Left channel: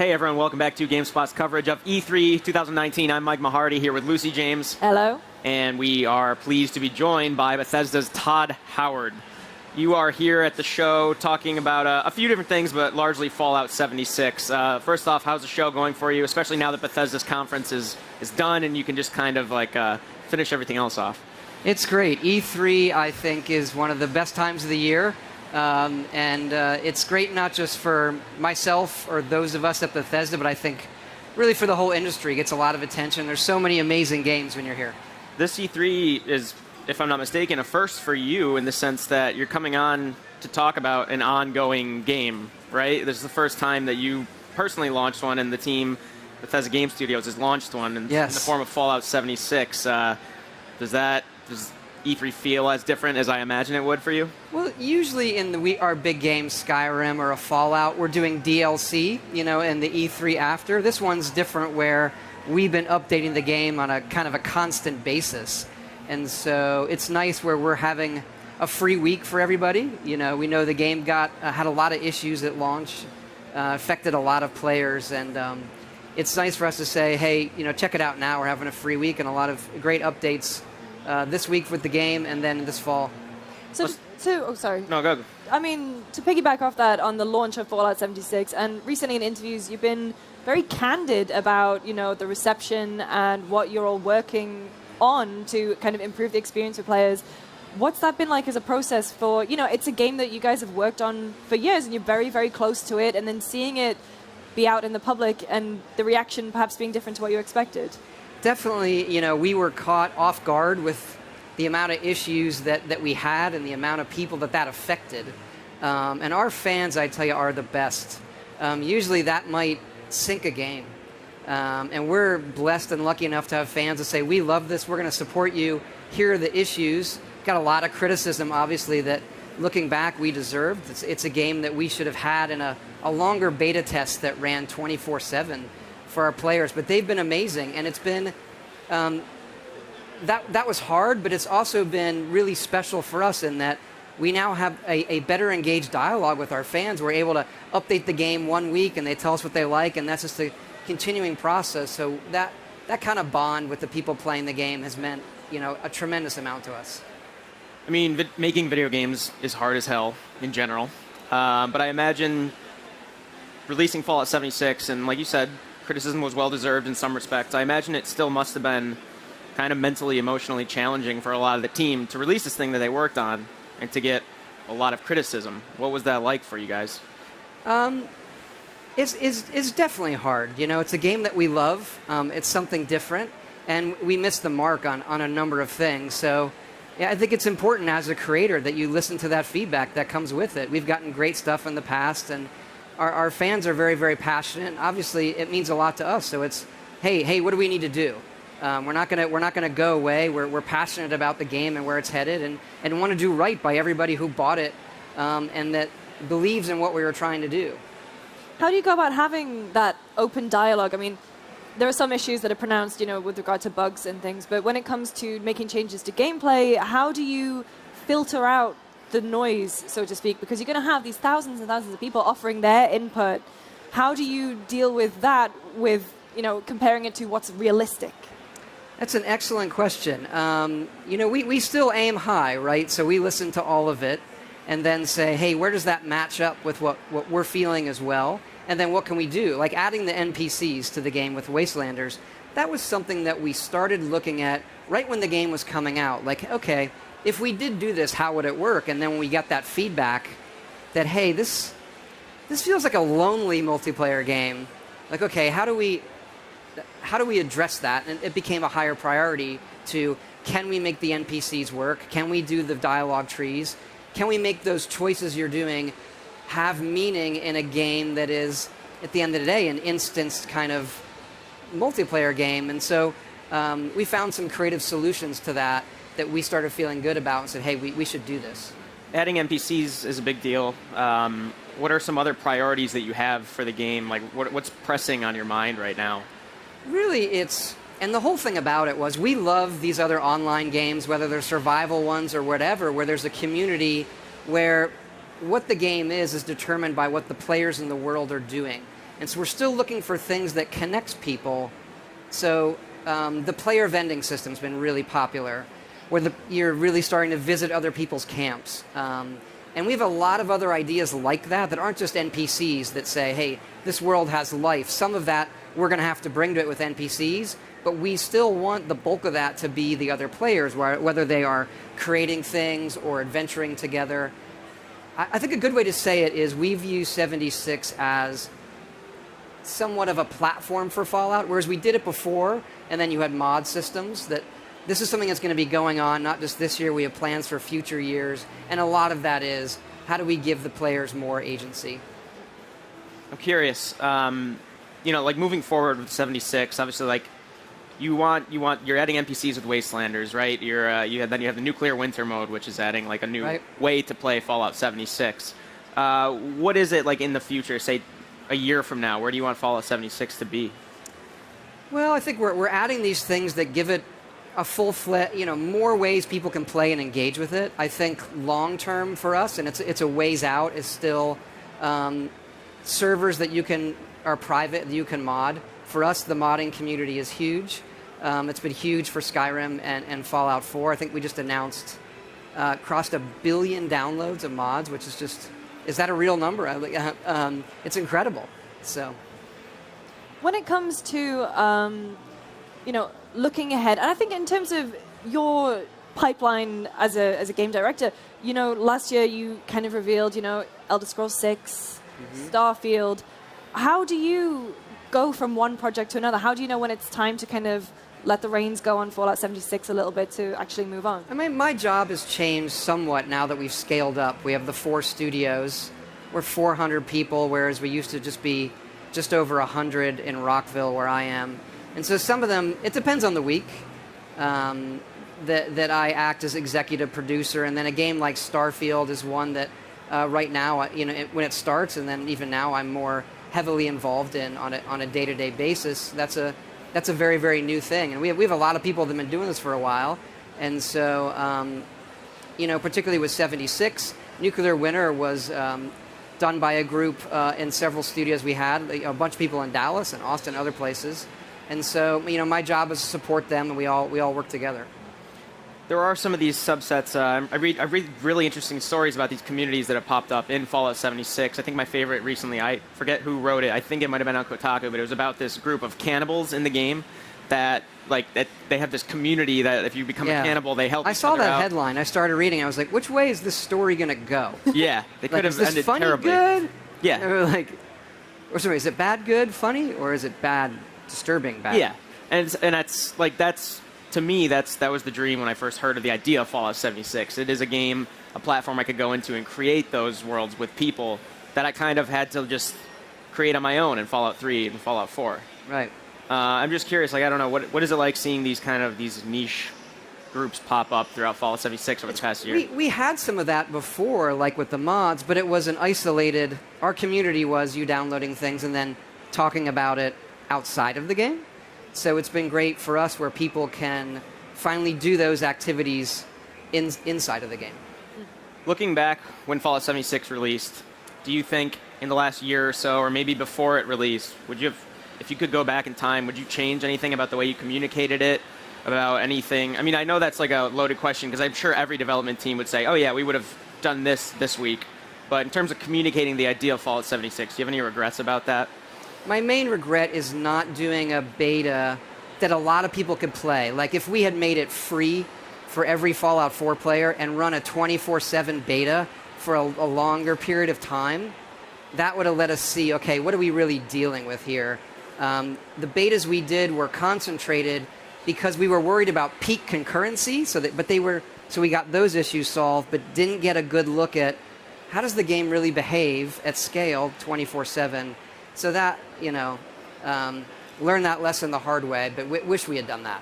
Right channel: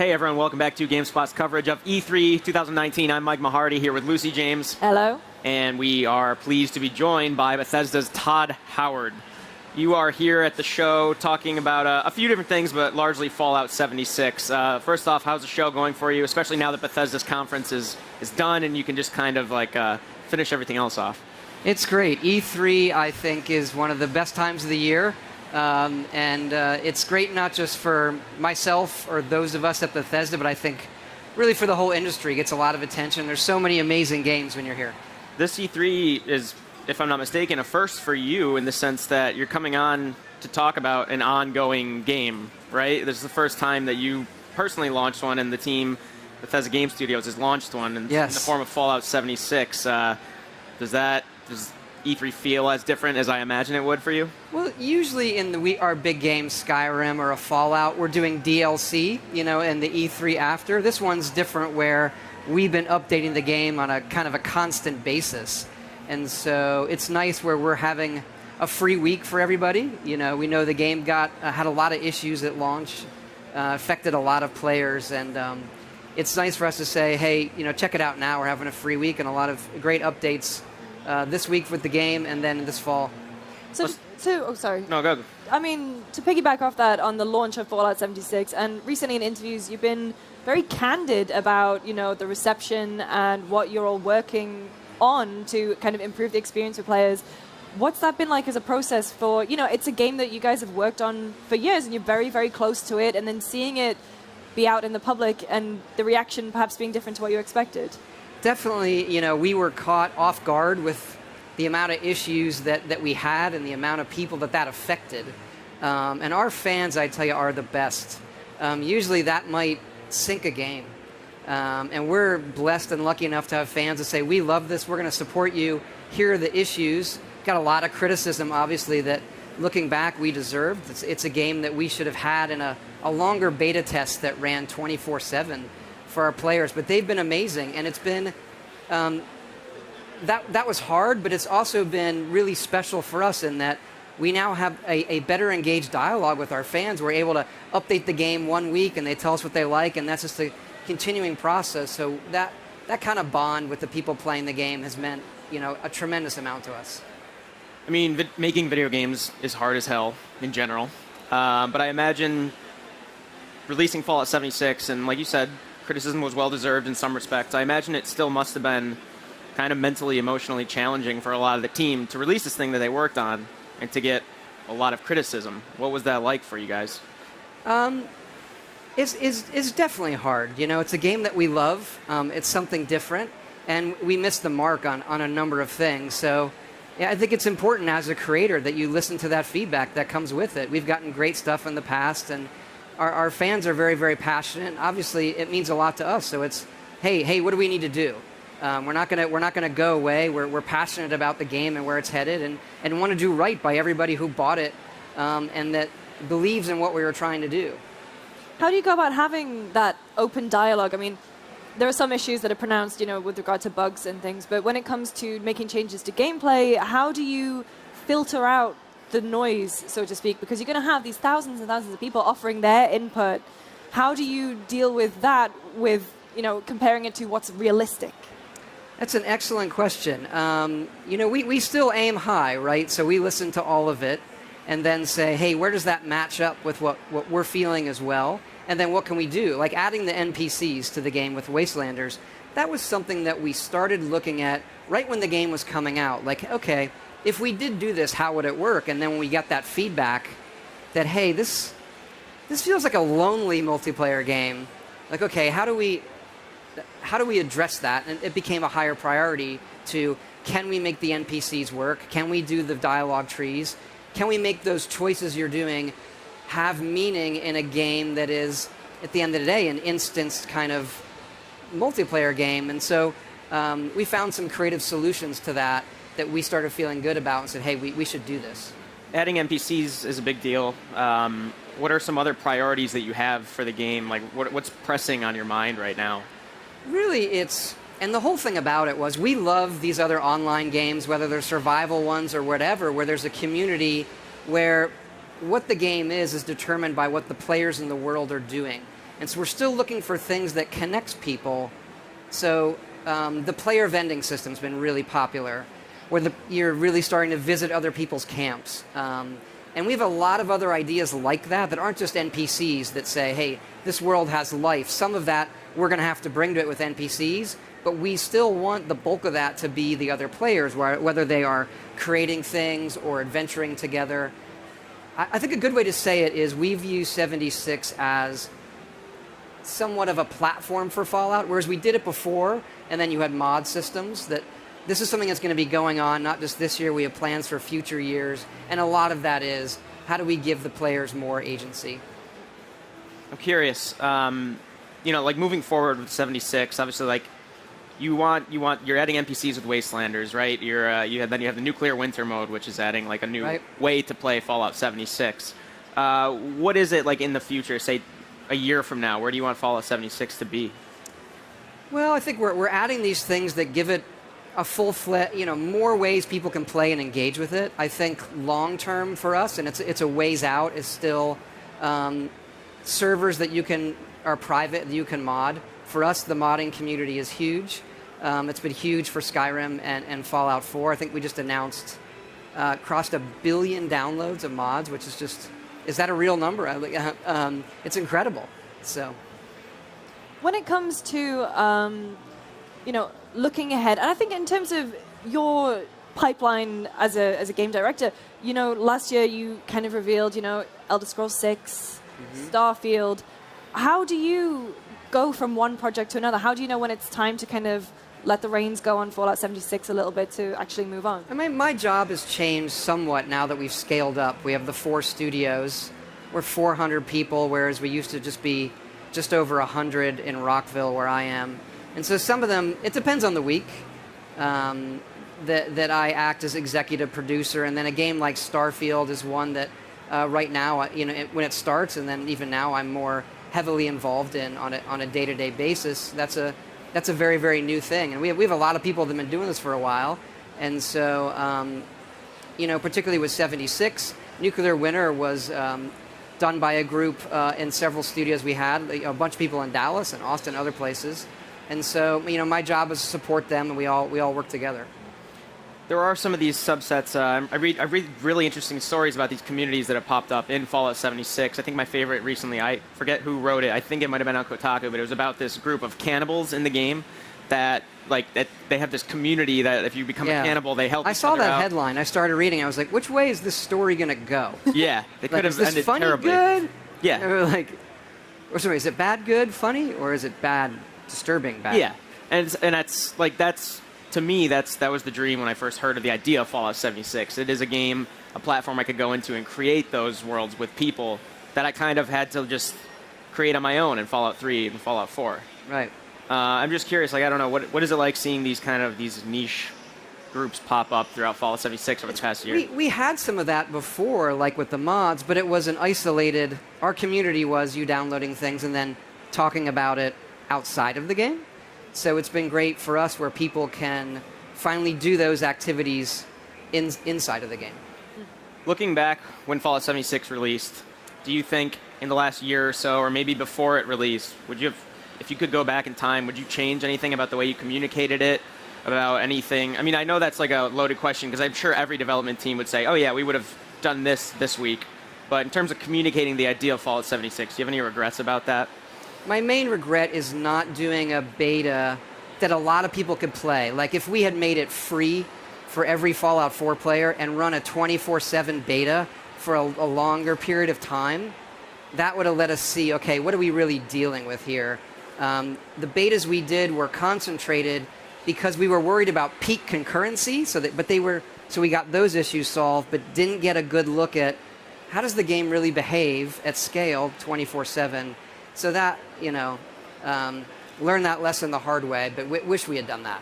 Hey everyone, welcome back to GameSpot's coverage of E3 2019. I'm Mike Mahardy here with Lucy James. Hello. And we are pleased to be joined by Bethesda's Todd Howard. You are here at the show talking about a few different things, but largely Fallout 76. First off, how's the show going for you, especially now that Bethesda's conference is done and you can just kind of like finish everything else off? It's great. E3, I think, is one of the best times of the year. And it's great not just for myself or those of us at Bethesda, but I think really for the whole industry. It gets a lot of attention. There's so many amazing games when you're here. This E3 is, if I'm not mistaken, a first for you in the sense that you're coming on to talk about an ongoing game, right? This is the first time that you personally launched one, and the team, Bethesda Game Studios, has launched one in the form of Fallout 76. Does E3 feel as different as I imagine it would for you? Well, usually in our big games, Skyrim or a Fallout, we're doing DLC, and the E3 after. This one's different where we've been updating the game on a kind of a constant basis. And so it's nice where we're having a free week for everybody. We know the game had a lot of issues at launch, affected a lot of players, and it's nice for us to say, hey, check it out now. We're having a free week and a lot of great updates this week with the game, and then this fall. Sorry. No, go. I mean, to piggyback off that on the launch of Fallout 76, and recently in interviews, you've been very candid about, the reception and what you're all working on to kind of improve the experience for players. What's that been like as a process for, it's a game that you guys have worked on for years, and you're very, very close to it, and then seeing it be out in the public and the reaction perhaps being different to what you expected? Definitely, we were caught off guard with the amount of issues that we had and the amount of people that affected. And our fans, I tell you, are the best. Usually that might sink a game. And we're blessed and lucky enough to have fans that say, we love this, we're going to support you, here are the issues. Got a lot of criticism, obviously, that looking back, we deserved. It's a game that we should have had in a longer beta test that ran 24/7. For our players, but they've been amazing, and it's been that was hard, but it's also been really special for us in that we now have a better engaged dialogue with our fans. We're able to update the game 1 week, and they tell us what they like, and that's just a continuing process. So that kind of bond with the people playing the game has meant a tremendous amount to us. I mean, making video games is hard as hell in general, but I imagine releasing Fallout 76, and like you said, criticism was well-deserved in some respects. I imagine it still must have been kind of mentally, emotionally challenging for a lot of the team to release this thing that they worked on and to get a lot of criticism. What was that like for you guys? It's definitely hard. It's a game that we love. It's something different, and we missed the mark on a number of things. So yeah, I think it's important as a creator that you listen to that feedback that comes with it. We've gotten great stuff in the past, and our fans are very, very passionate. Obviously, it means a lot to us. So it's, hey, what do we need to do? We're not gonna go away. We're passionate about the game and where it's headed, and want to do right by everybody who bought it, and that believes in what we were trying to do. How do you go about having that open dialogue? I mean, there are some issues that are pronounced, with regard to bugs and things, but when it comes to making changes to gameplay, how do you filter out the noise, so to speak, because you're going to have these thousands and thousands of people offering their input? How do you deal with that, with comparing it to what's realistic? That's an excellent question. We still aim high, right? So we listen to all of it and then say, hey, where does that match up with what we're feeling as well? And then what can we do? Like adding the NPCs to the game with Wastelanders, that was something that we started looking at right when the game was coming out. Like, okay, if we did do this, how would it work? And then when we got that feedback that, hey, this feels like a lonely multiplayer game. Like, okay, how do we address that? And it became a higher priority to, can we make the NPCs work? Can we do the dialogue trees? Can we make those choices you're doing have meaning in a game that is, at the end of the day, an instanced kind of multiplayer game? And so we found some creative solutions to that we started feeling good about and said, hey, we should do this. Adding NPCs is a big deal. What are some other priorities that you have for the game? Like, what's pressing on your mind right now? Really, and the whole thing about it was we love these other online games, whether they're survival ones or whatever, where there's a community where what the game is determined by what the players in the world are doing. And so we're still looking for things that connects people. So the player vending system's been really popular, where you're really starting to visit other people's camps. And we have a lot of other ideas like that aren't just NPCs that say, hey, this world has life. Some of that we're going to have to bring to it with NPCs, but we still want the bulk of that to be the other players, whether they are creating things or adventuring together. I think a good way to say it is we view 76 as somewhat of a platform for Fallout, whereas we did it before, and then you had mod systems. That this is something that's going to be going on, not just this year, we have plans for future years, and a lot of that is, how do we give the players more agency? I'm curious, like moving forward with 76, obviously, like, you're adding NPCs with Wastelanders, right? Then you have the nuclear winter mode, which is adding like a new way to play Fallout 76. What is it like in the future, say a year from now? Where do you want Fallout 76 to be? Well, I think we're adding these things that give it a full-fledged, more ways people can play and engage with it. I think long-term for us, and it's a ways out, is still servers that are private, that you can mod. For us, the modding community is huge. It's been huge for Skyrim and Fallout 4. I think we just announced crossed 1 billion downloads of mods, which is just, is that a real number? It's incredible. So, when it comes to looking ahead, and I think in terms of your pipeline as a game director, last year you kind of revealed, Elder Scrolls 6, Starfield. How do you go from one project to another? How do you know when it's time to kind of let the reins go on Fallout 76 a little bit to actually move on? I mean, my job has changed somewhat now that we've scaled up. We have the 4 studios. We're 400 people, whereas we used to just be just over 100 in Rockville, where I am. And so some of them, it depends on the week, that I act as executive producer. And then a game like Starfield is one that right now, when it starts, and then even now I'm more heavily involved in on a day-to-day basis. That's a very, very new thing, and we have a lot of people that have been doing this for a while, and so particularly with 76, Nuclear Winter was done by a group in several studios we had, a bunch of people in Dallas and Austin, other places, and so my job is to support them, and we all work together. There are some of these subsets. I read really interesting stories about these communities that have popped up in Fallout 76. I think my favorite recently, I forget who wrote it. I think it might have been on Kotaku, but it was about this group of cannibals in the game that they have this community that if you become a cannibal, they help. I saw that headline. I started reading. I was like, which way is this story going to go? Yeah, they could have ended funny, terribly. Good? Yeah. Sorry, is it bad, good, funny, or is it bad, disturbing, bad? Yeah, and that's. To me, that was the dream when I first heard of the idea of Fallout 76. It is a game, a platform I could go into and create those worlds with people that I kind of had to just create on my own in Fallout 3 and Fallout 4. Right. I'm just curious, I don't know, what is it like seeing these niche groups pop up throughout Fallout 76 over the past year? We had some of that before, like with the mods, but it was an isolated, our community was you downloading things and then talking about it outside of the game. So it's been great for us where people can finally do those activities inside of the game. Looking back when Fallout 76 released, do you think in the last year or so, or maybe before it released, if you could go back in time, would you change anything about the way you communicated it, about anything? I mean, I know that's like a loaded question because I'm sure every development team would say, oh yeah, we would have done this week. But in terms of communicating the idea of Fallout 76, do you have any regrets about that? My main regret is not doing a beta that a lot of people could play. Like if we had made it free for every Fallout 4 player and run a 24/7 beta for a longer period of time, that would have let us see, okay, what are we really dealing with here? The betas we did were concentrated because we were worried about peak concurrency, so we got those issues solved, but didn't get a good look at how does the game really behave at scale 24/7. So that, learned that lesson the hard way, but wish we had done that.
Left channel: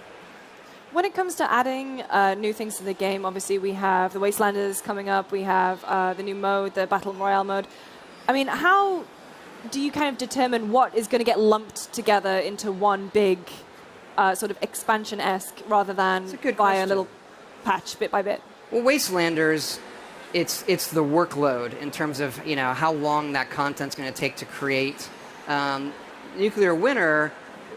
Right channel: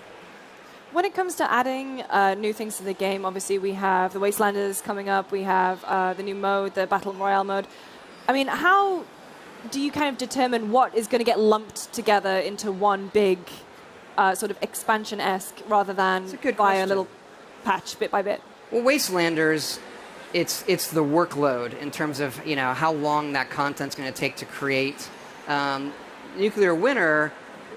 When it comes to adding new things to the game, obviously we have the Wastelanders coming up, we have the new mode, the Battle Royale mode. I mean, how do you kind of determine what is going to get lumped together into one big sort of expansion-esque rather than by a little patch bit by bit? Well, Wastelanders, it's the workload in terms of, how long that content's going to take to create. Nuclear Winter,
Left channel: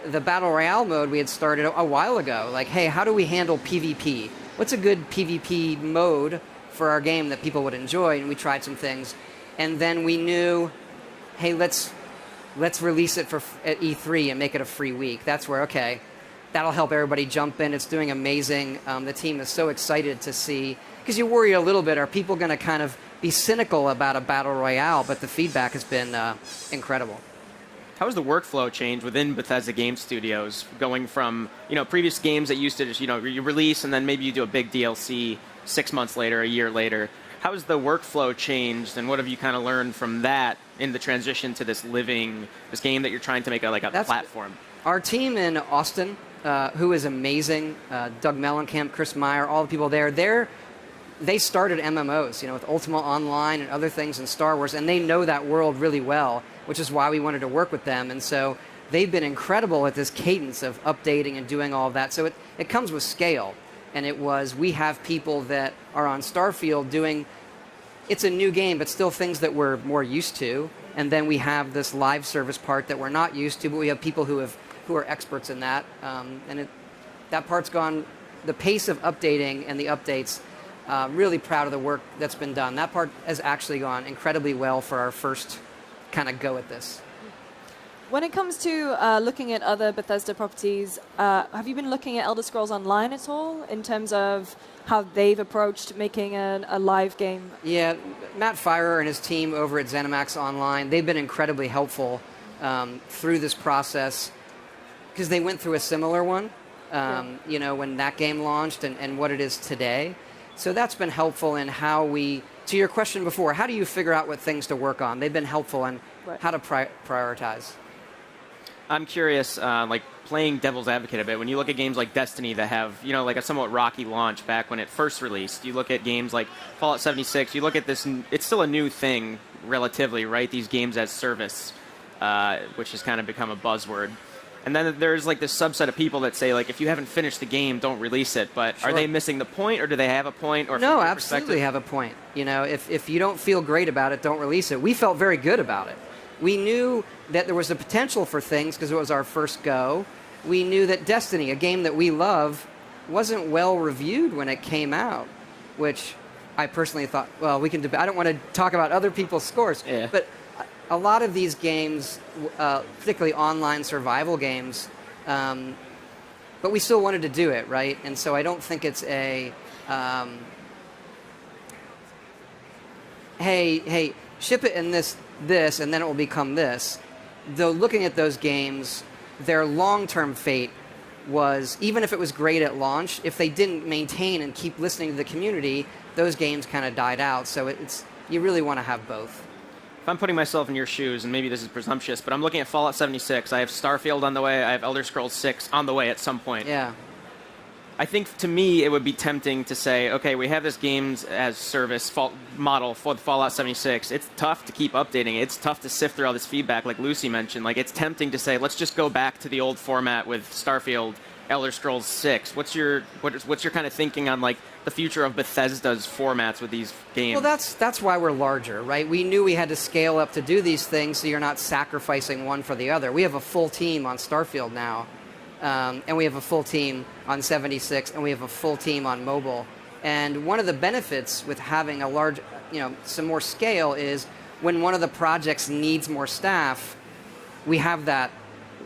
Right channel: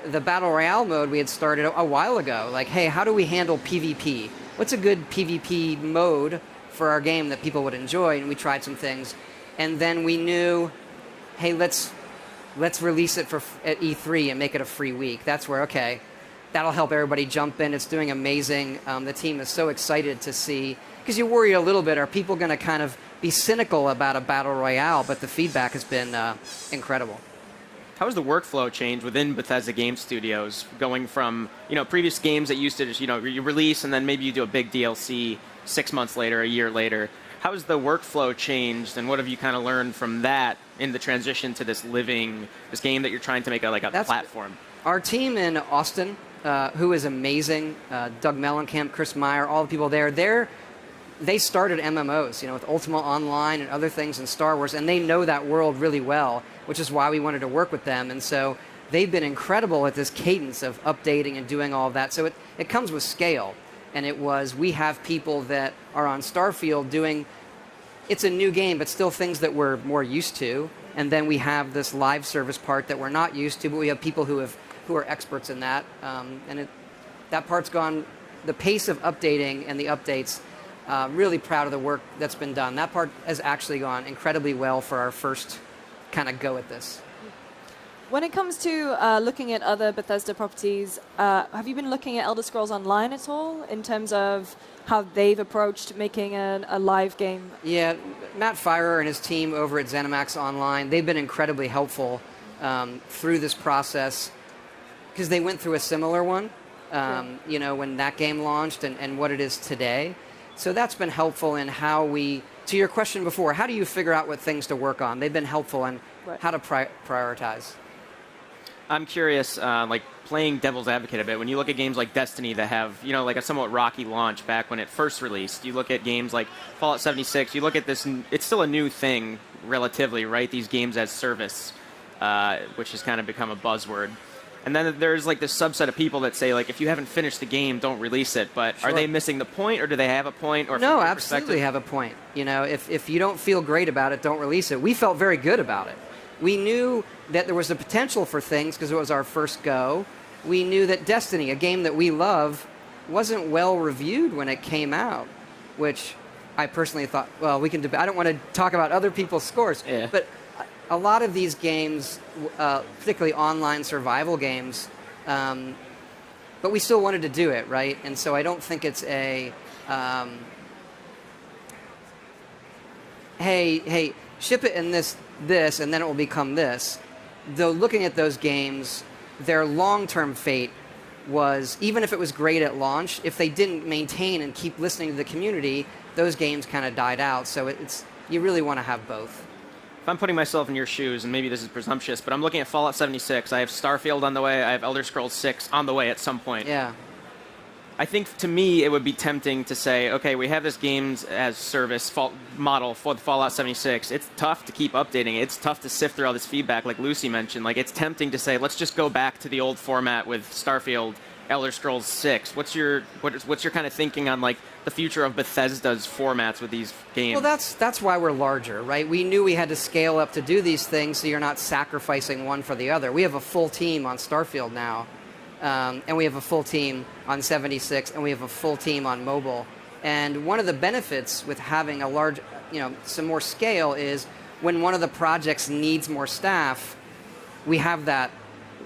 the Battle Royale mode we had started a while ago. Like, hey, how do we handle PvP? What's a good PvP mode for our game that people would enjoy? And we tried some things. And then we knew, hey, let's release it at E3 and make it a free week. That's where, okay, that'll help everybody jump in. It's doing amazing. The team is so excited to see, because you worry a little bit, are people going to kind of be cynical about a Battle Royale? But the feedback has been incredible. How has the workflow changed within Bethesda Game Studios, going from, previous games that used to just, you release and then maybe you do a big DLC 6 months later, a year later? How has the workflow changed, and what have you kind of learned from that in the transition to this game that you're trying to make a platform? Our team in Austin, who is amazing, Doug Mellencamp, Chris Meyer, all the people there, they started MMOs, with Ultima Online and other things in Star Wars, and they know that world really well, which is why we wanted to work with them. And so they've been incredible at this cadence of updating and doing all of that. So it comes with scale. And we have people that are on Starfield doing, it's a new game, but still things that we're more used to. And then we have this live service part that we're not used to, but we have people who are experts in that. That part's gone, the pace of updating and the updates, really proud of the work that's been done. That part has actually gone incredibly well for our first kind of go at this. When it comes to looking at other Bethesda properties, have you been looking at Elder Scrolls Online at all in terms of how they've approached making a live game? Yeah, Matt Firer and his team over at ZeniMax Online, they've been incredibly helpful through this process, because they went through a similar one, when that game launched and what it is today. So that's been helpful in how to your question before, how do you figure out what things to work on? They've been helpful in how to prioritize. I'm curious, playing devil's advocate a bit, when you look at games like Destiny that have, a somewhat rocky launch back when it first released, you look at games like Fallout 76, you look at this, it's still a new thing, relatively, right? These games as service, which has kind of become a buzzword. And then there's this subset of people that say, if you haven't finished the game, don't release it. But Are they missing the point, or do they have a point? Or no, absolutely have a point. If you don't feel great about it, don't release it. We felt very good about it. We knew that there was a potential for things because it was our first go. We knew that Destiny, a game that we love, wasn't well reviewed when it came out, which I personally thought, well, we can debate. I don't want to talk about other people's scores, but a lot of these games, particularly online survival games, but we still wanted to do it, right? And so I don't think it's a, hey, ship it in this, and then it will become this. Though looking at those games, their long-term fate was, even if it was great at launch, if they didn't maintain and keep listening to the community, those games kind of died out. So you really want to have both. If I'm putting myself in your shoes, and maybe this is presumptuous, but I'm looking at Fallout 76, I have Starfield on the way, I have Elder Scrolls 6 on the way at some point. Yeah. I think, to me, it would be tempting to say, okay, we have this games as service model for the Fallout 76. It's tough to keep updating it. It's tough to sift through all this feedback, like Lucy mentioned. It's tempting to say, let's just go back to the old format with Starfield, Elder Scrolls 6. What's your kind of thinking on, the future of Bethesda's formats with these games? Well, that's why we're larger, right? We knew we had to scale up to do these things, so you're not sacrificing one for the other. We have a full team on Starfield now. And we have a full team on 76, and we have a full team on mobile. And one of the benefits with having a large, some more scale is when one of the projects needs more staff, we have that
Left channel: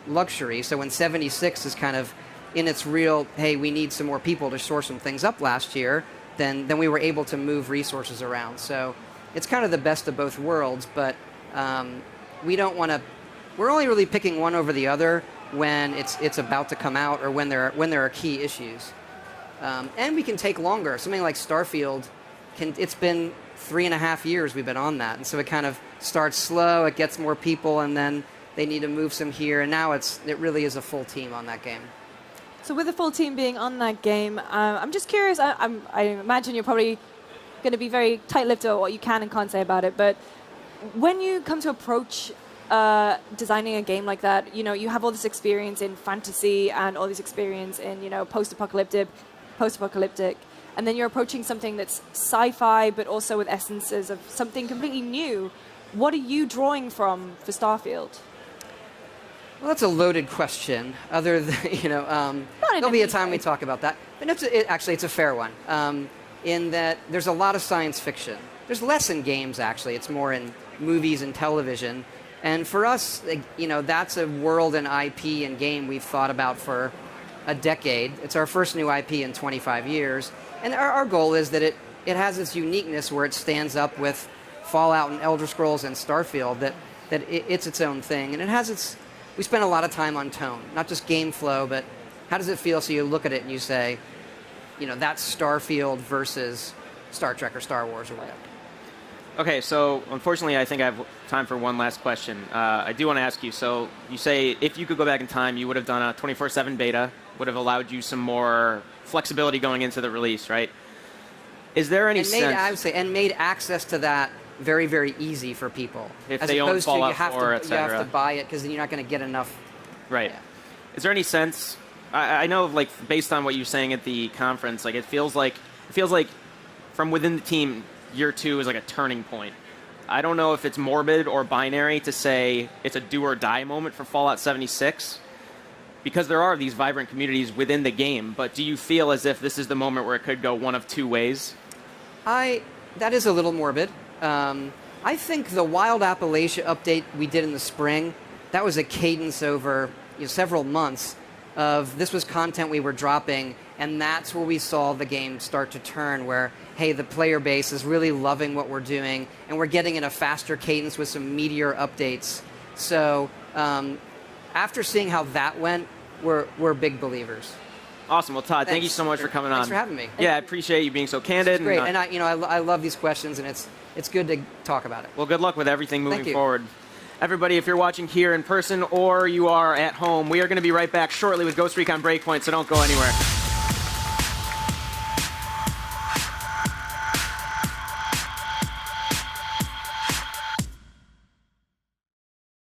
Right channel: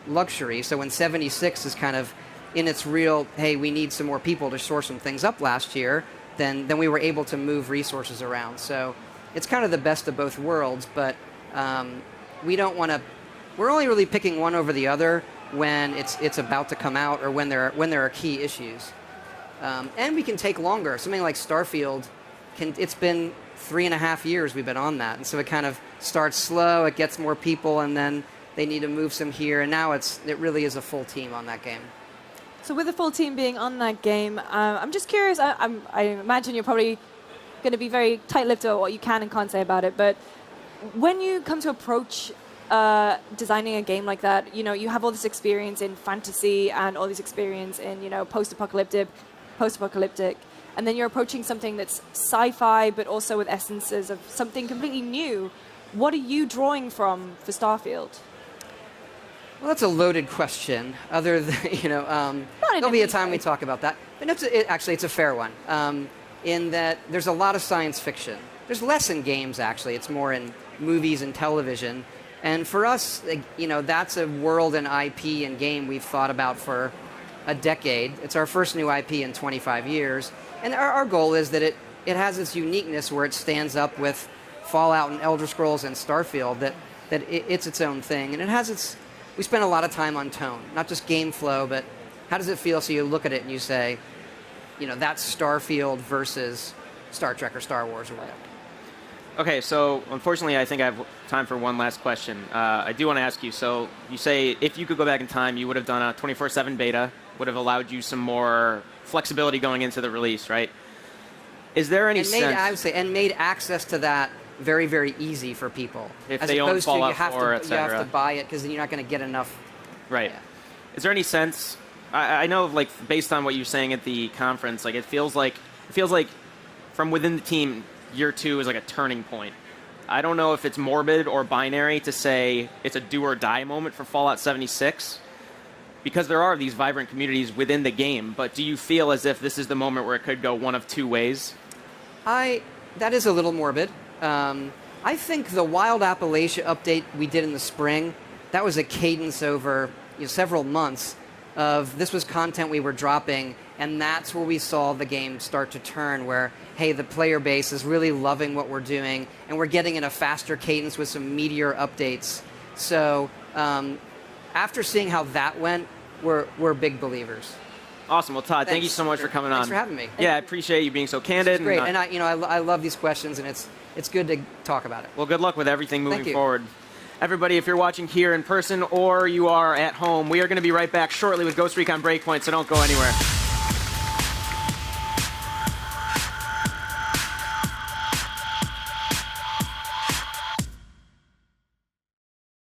luxury. So when 76 is kind of in its real, hey, we need some more people to shore some things up last year, then we were able to move resources around. So it's kind of the best of both worlds, but we don't want to, we're only really picking one over the other when it's about to come out or when there are key issues. And we can take longer. Something like Starfield, it's been 3.5 years we've been on that. And so it kind of starts slow, it gets more people, and then they need to move some here. And now it really is a full team on that game. So with the full team being on that game, I'm just curious, I imagine you're probably going to be very tight-lipped about what you can and can't say about it, but when you come to approach designing a game like that, you have all this experience in fantasy and all this experience in, post-apocalyptic, and then you're approaching something that's sci-fi, but also with essences of something completely new. What are you drawing from for Starfield? Well, that's a loaded question. Other than, there'll be a time we talk about that. But actually, it's a fair one. In that there's a lot of science fiction. There's less in games, actually. It's more in movies and television. And for us, that's a world and IP and game we've thought about for a decade. It's our first new IP in 25 years. And our goal is that it has its uniqueness where it stands up with Fallout and Elder Scrolls and Starfield, that it's its own thing. And we spend a lot of time on tone, not just game flow, but how does it feel? So you look at it and you say, that's Starfield versus Star Trek or Star Wars or whatever. Okay, so unfortunately, I think I have time for one last question. I do want to ask you, so you say if you could go back in time, you would have done a 24/7 beta, would have allowed you some more flexibility going into the release, right? Is there any sense... I would say, and made access to that very, very easy for people. If they own Fallout 4, etc. You have to buy it because then you're not going to get enough. Right. Yeah. Is there any sense... I know, like, based on what you were saying at the conference, like, it feels like from within the team, year 2 is like a turning point. I don't know if it's morbid or binary to say it's a do or die moment for Fallout 76, because there are these vibrant communities within the game, but do you feel as if this is the moment where it could go one of two ways? That is a little morbid. I think the Wild Appalachia update we did in the spring, that was a cadence over several months of this was content we were dropping, and that's where we saw the game start to turn, where, hey, the player base is really loving what we're doing, and we're getting in a faster cadence with some meteor updates. So after seeing how that went, we're big believers. Awesome. Well, Todd, thank you so much for coming on. Thanks for having me. Yeah, I appreciate you being so candid. It's great, and I love these questions, and it's good to talk about it. Well, good luck with everything moving forward. Everybody, if you're watching here in person or you are at home, we are going to be right back shortly with Ghost Recon Breakpoint, so don't go anywhere.